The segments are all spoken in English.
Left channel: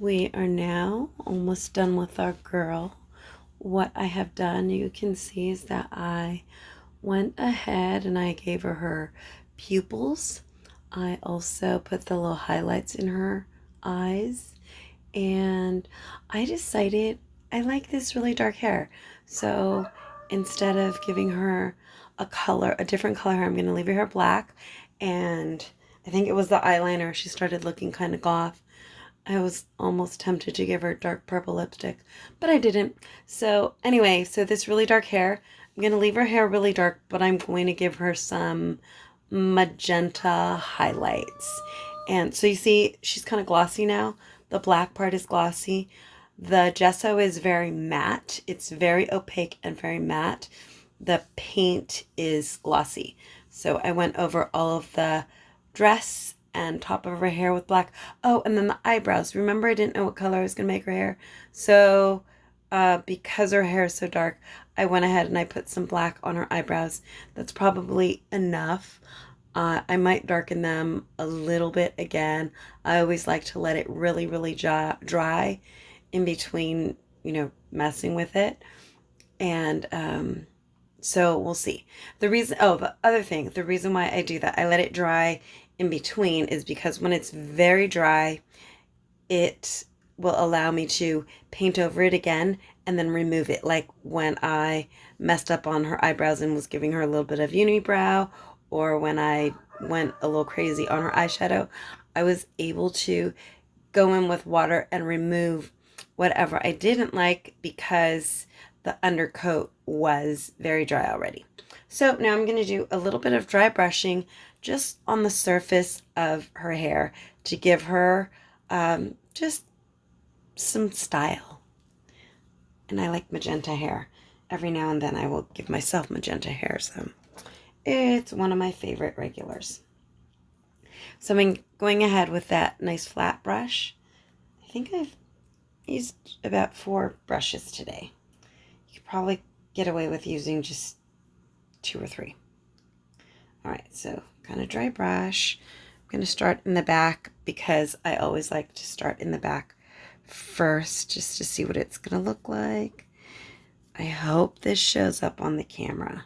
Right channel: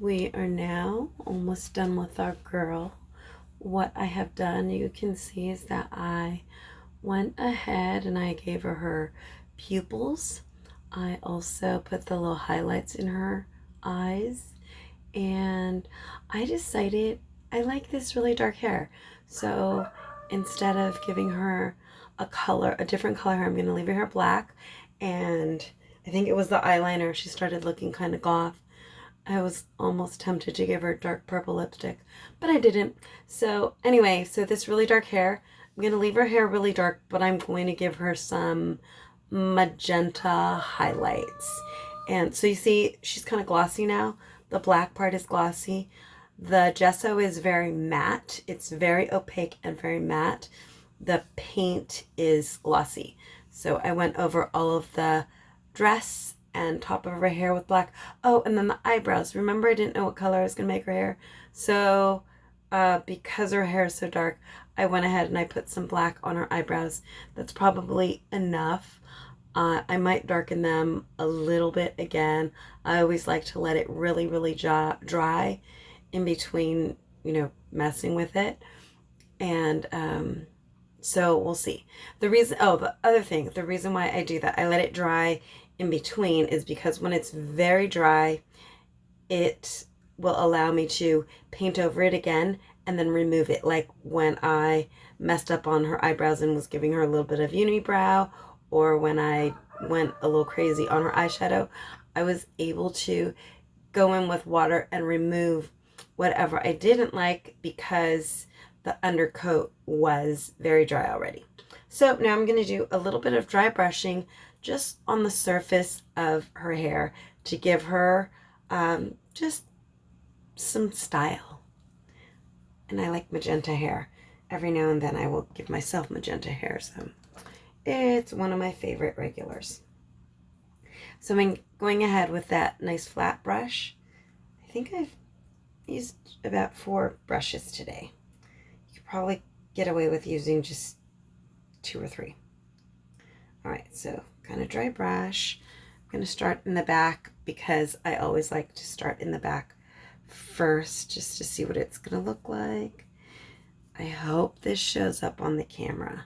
We are now almost done with our girl. What I have done, you can see, is that I went ahead and I gave her pupils. I also put the little highlights in her eyes, and I decided I like this really dark hair. So instead of giving her a different color, I'm going to leave her hair black. And I think it was the eyeliner. She started looking kind of goth. I was almost tempted to give her dark purple lipstick, but I didn't. So anyway, so this really dark hair, I'm going to leave her hair really dark, but I'm going to give her some magenta highlights. And so you see, she's kind of glossy now. The black part is glossy. The gesso is very matte. It's very opaque and very matte. The paint is glossy. So I went over all of the dress and top of her hair with black. Oh, and then the eyebrows. Remember, I didn't know what color I was going to make her hair. So because her hair is so dark, I went ahead and I put some black on her eyebrows. That's probably enough. I might darken them a little bit again. I always like to let it really, really dry in between, messing with it. And so we'll see. The other thing, the reason why I do that, I let it dry in between, is because when it's very dry, it will allow me to paint over it again and then remove it. Like when I messed up on her eyebrows and was giving her a little bit of unibrow, or when I went a little crazy on her eyeshadow, I was able to go in with water and remove whatever I didn't like because the undercoat was very dry already. So now I'm going to do a little bit of dry brushing just on the surface of her hair to give her just some style. And I like magenta hair. Every now and then I will give myself magenta hair, so it's one of my favorite regulars. So I'm going ahead with that nice flat brush. I think I've used about 4 brushes today. You could probably get away with using just 2 or 3. All right, so kind of dry brush. I'm going to start in the back because I always like to start in the back first just to see what it's going to look like. I hope this shows up on the camera.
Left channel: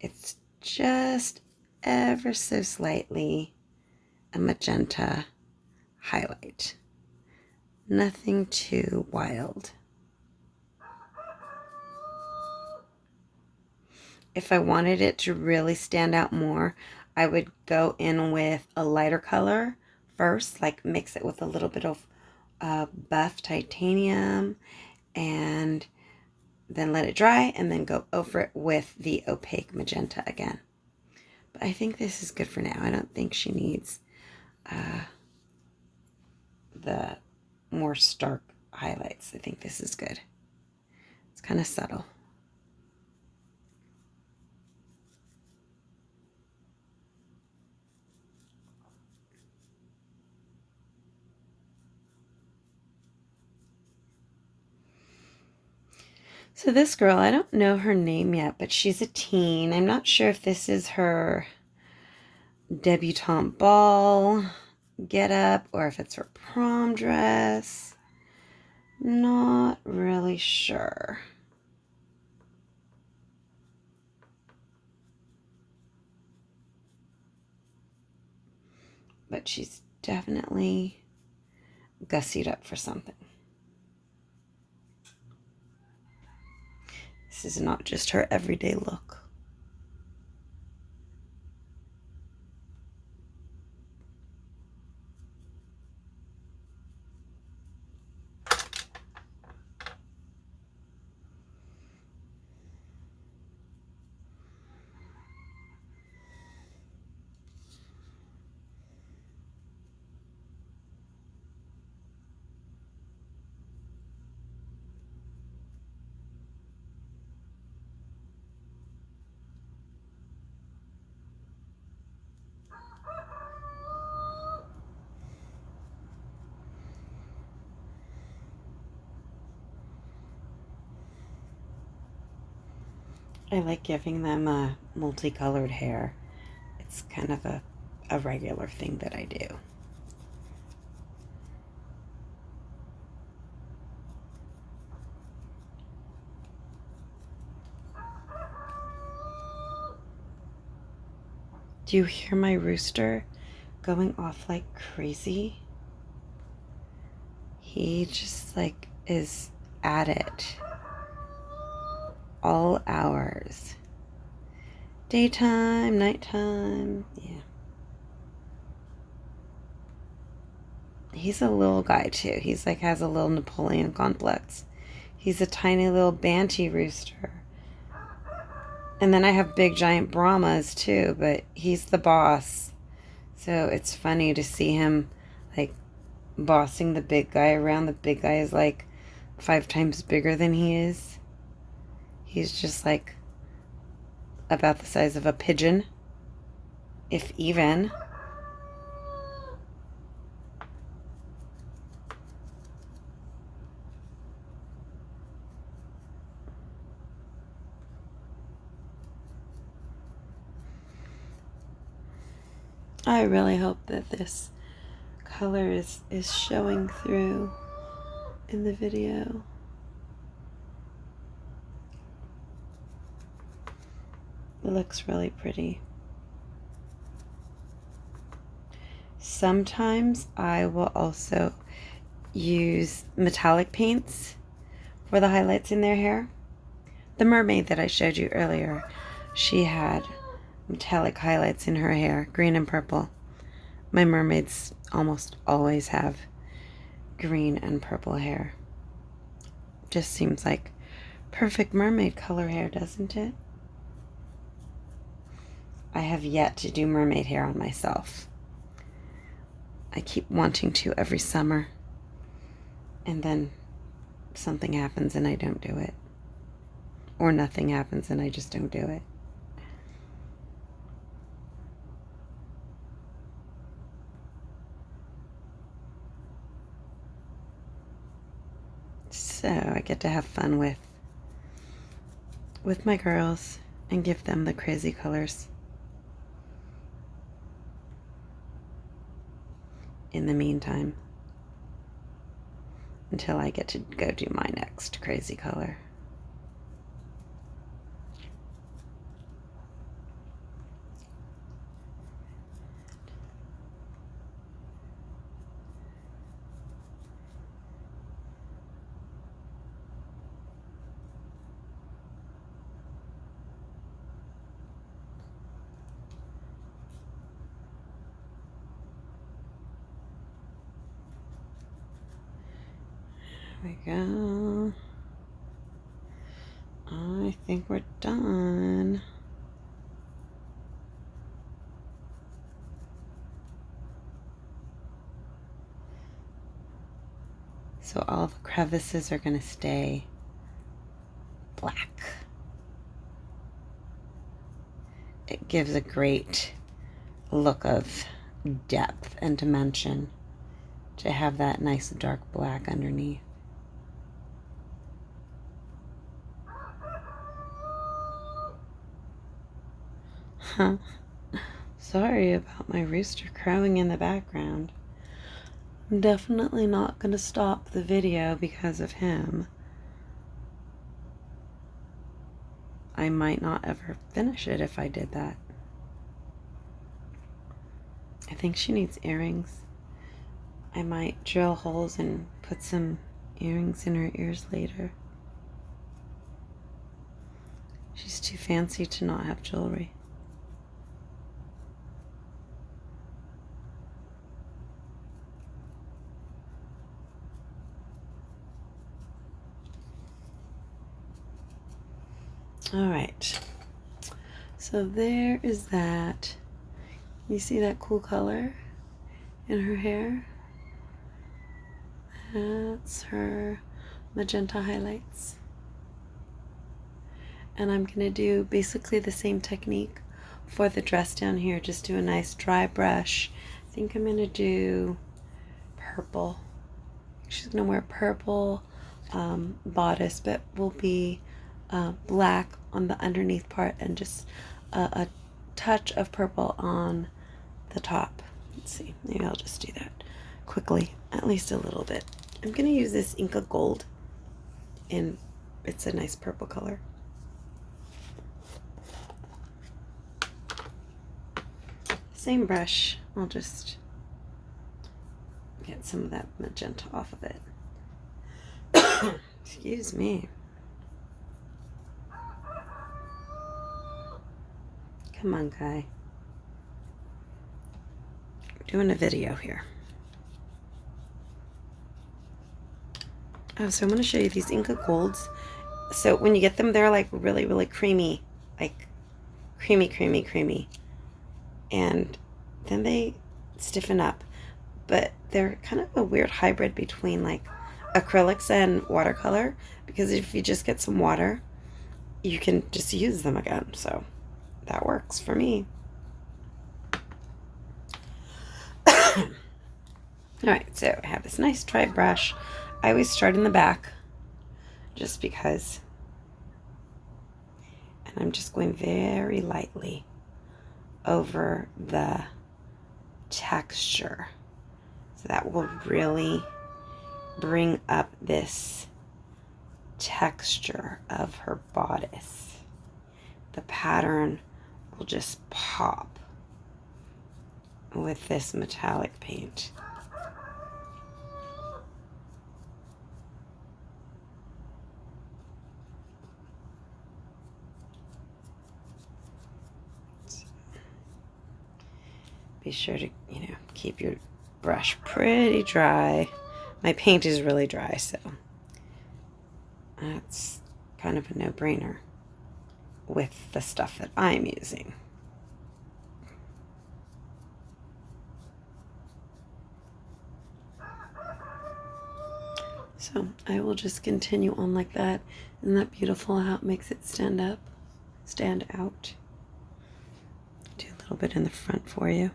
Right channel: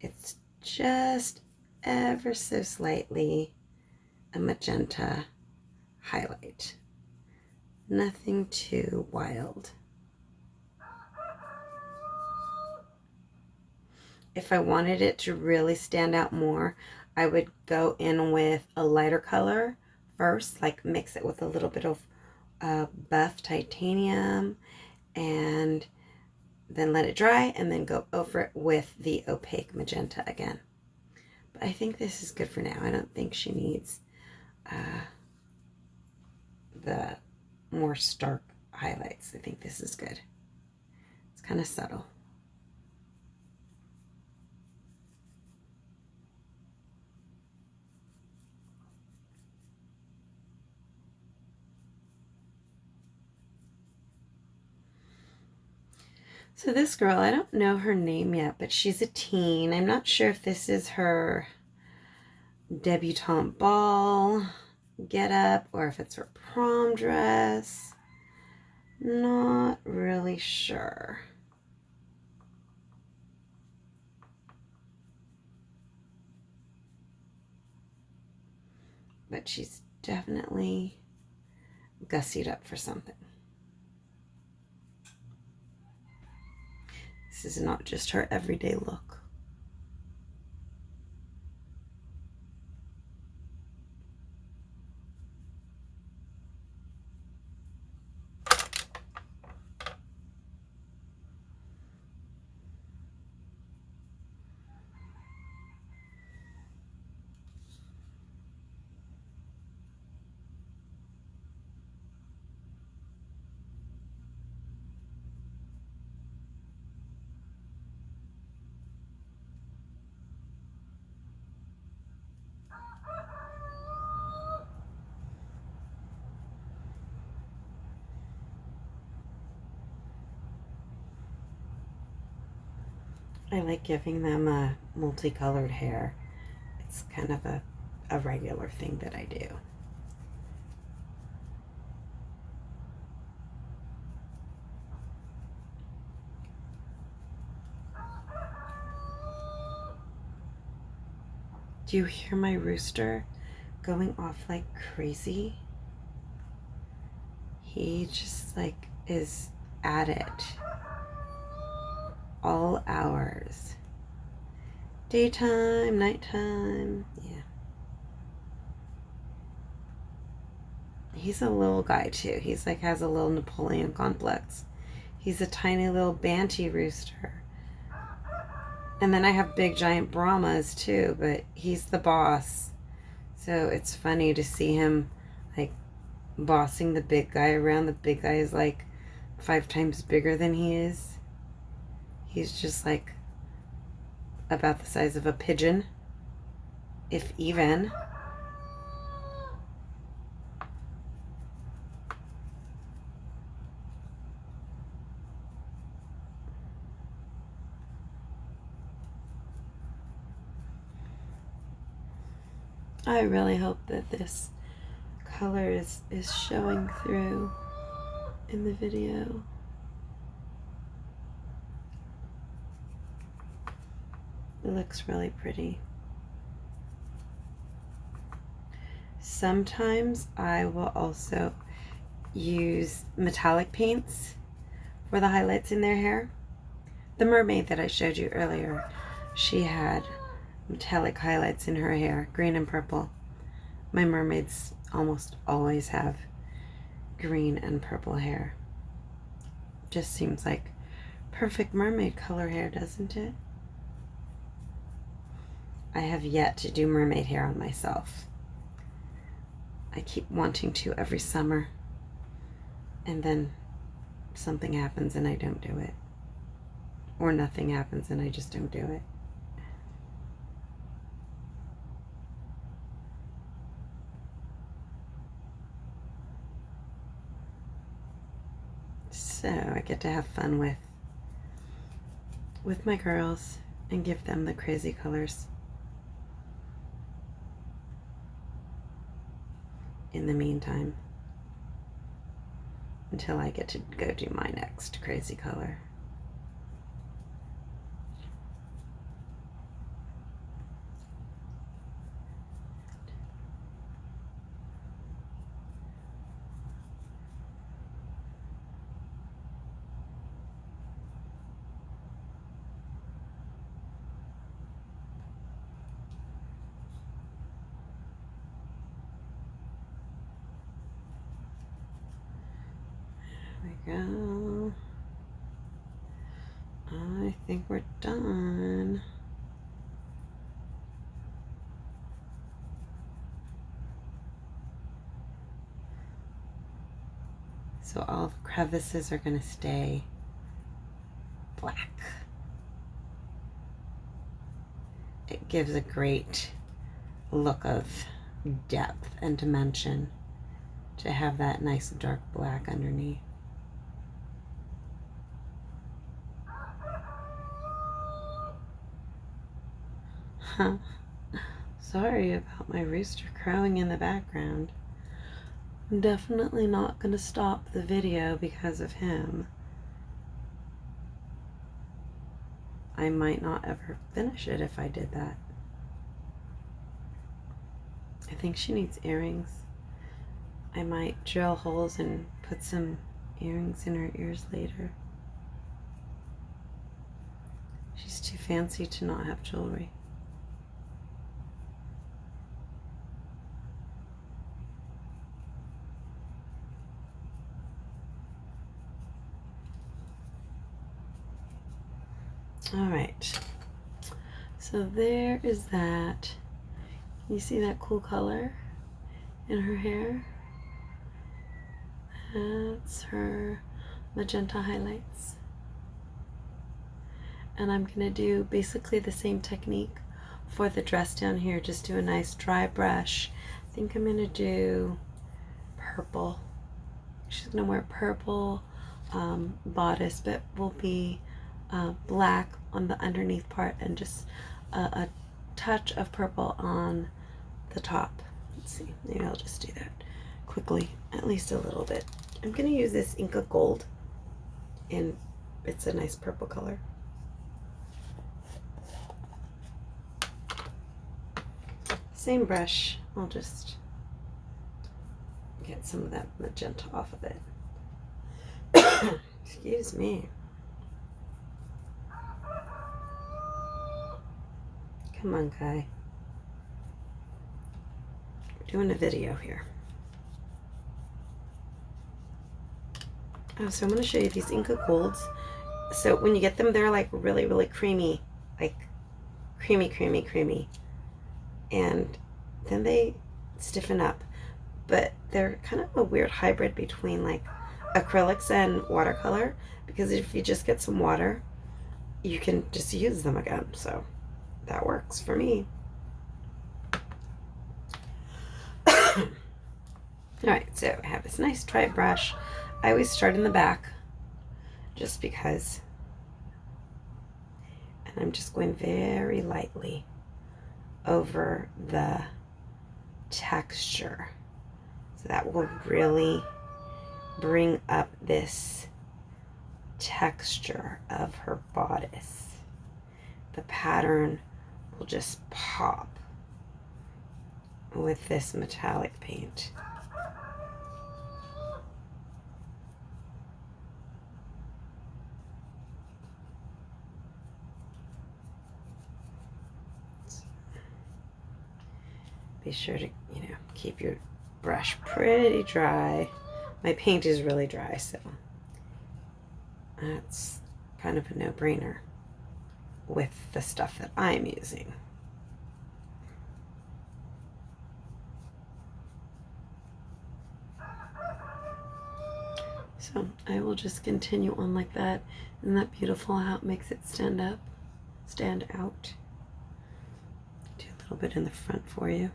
It's just ever so slightly a magenta highlight. Nothing too wild. If I wanted it to really stand out more, I would go in with a lighter color first, like mix it with a little bit of buff titanium, and then let it dry, and then go over it with the opaque magenta again. But I think this is good for now. I don't think she needs the more stark highlights. I think this is good. It's kind of subtle. So this girl, I don't know her name yet, but she's a teen. I'm not sure if this is her debutante ball get up or if it's her prom dress. Not really sure. But she's definitely gussied up for something. This is not just her everyday look. I like giving them a multicolored hair. It's kind of a regular thing that I do. Do you hear my rooster going off like crazy? He just like is at it all hours. Daytime, nighttime, yeah. He's a little guy too. He's like has a little Napoleon complex. He's a tiny little Banty rooster. And then I have big giant Brahmas too, but he's the boss. So it's funny to see him like bossing the big guy around. The big guy is like 5 times bigger than he is. He's just like about the size of a pigeon, if even. I really hope that this color is showing through in the video. It looks really pretty. Sometimes I will also use metallic paints for the highlights in their hair. The mermaid that I showed you earlier, she had metallic highlights in her hair, green and purple. My mermaids almost always have green and purple hair. Just seems like perfect mermaid color hair, doesn't it? I have yet to do mermaid hair on myself. I keep wanting to every summer, and then something happens and I don't do it. Or nothing happens and I just don't do it. So I get to have fun with my girls and give them the crazy colors. In the meantime, until I get to go do my next crazy color. There we go. I think we're done. So all the crevices are going to stay black. It gives a great look of depth and dimension to have that nice dark black underneath. Sorry about my rooster crowing in the background. I'm definitely not going to stop the video because of him. I might not ever finish it if I did that. I think she needs earrings. I might drill holes and put some earrings in her ears later. She's too fancy to not have jewelry. All right, so there is that. You see that cool color in her hair? That's her magenta highlights. And I'm gonna do basically the same technique for the dress down here. Just do a nice dry brush. I think I'm gonna do purple. She's gonna wear purple bodice, but will be black on the underneath part and just a touch of purple on the top. Let's see, maybe I'll just do that quickly, at least a little bit. I'm gonna use this Inca Gold, and it's a nice purple color. same brush. I'll just get some of that magenta off of it. Excuse me. Come on, guy. We're doing a video here. Oh, so I'm going to show you these Inca Golds. So when you get them, they're like really, really creamy. Like creamy, creamy, creamy. And then they stiffen up. But they're kind of a weird hybrid between like acrylics and watercolor. Because if you just get some water, you can just use them again. So that works for me. Alright, so I have this nice dry brush. I always start in the back just because. And I'm just going very lightly over the texture. So that will really bring up this texture of her bodice. The pattern will just pop with this metallic paint. Be sure to, keep your brush pretty dry. My paint is really dry, so that's kind of a no-brainer with the stuff that I'm using. So I will just continue on like that. Isn't that beautiful how it makes it stand out? Do a little bit in the front for you.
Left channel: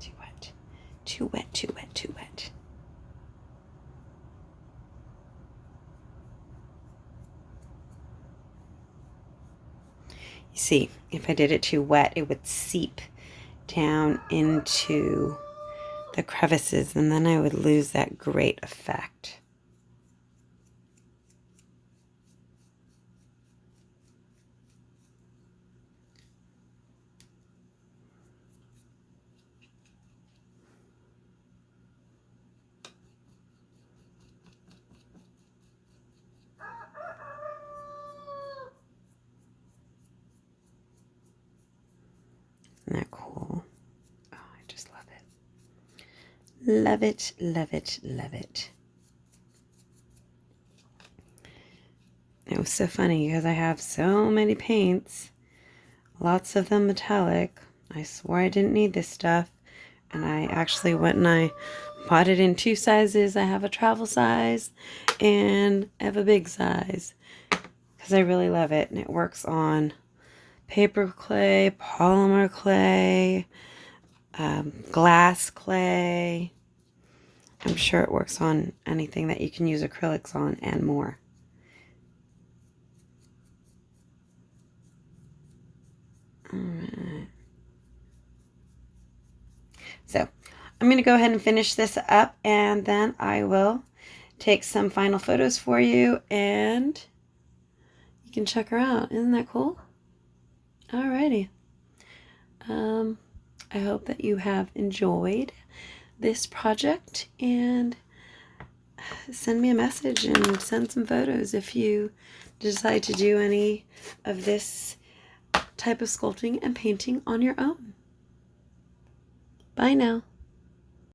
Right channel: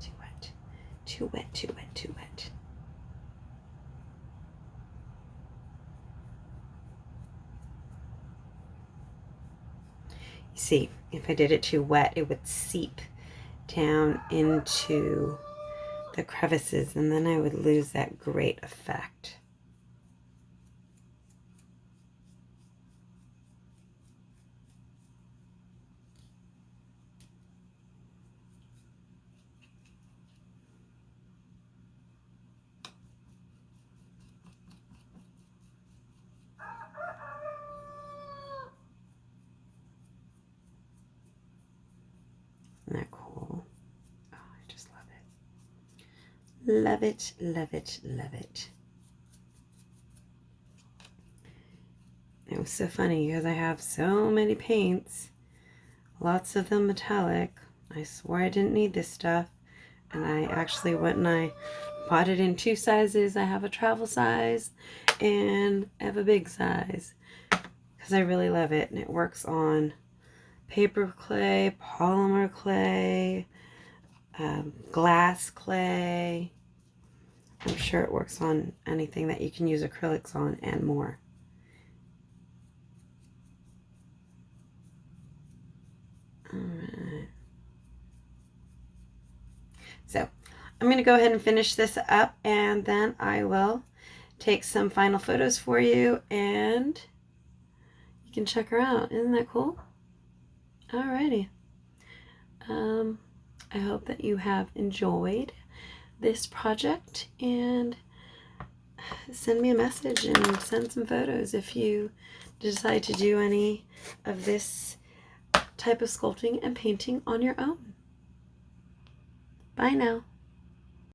Too wet, too wet, too wet, too wet. You see, if I did it too wet, it would seep down into the crevices, and then I would lose that great effect. Isn't that cool? Oh, I just love it. Love it, love it, love it. It was so funny because I have so many paints, lots of them metallic. I swore I didn't need this stuff, and I actually went and I bought it in 2 sizes. I have a travel size and I have a big size because I really love it, and it works on paper clay, polymer clay, glass clay. I'm sure it works on anything that you can use acrylics on and more. Alright. So I'm going to go ahead and finish this up, and then I will take some final photos for you, and you can check her out. Isn't that cool? Alrighty. I hope that you have enjoyed this project, and send me a message and send some photos if you decide to do any of this type of sculpting and painting on your own. Bye now.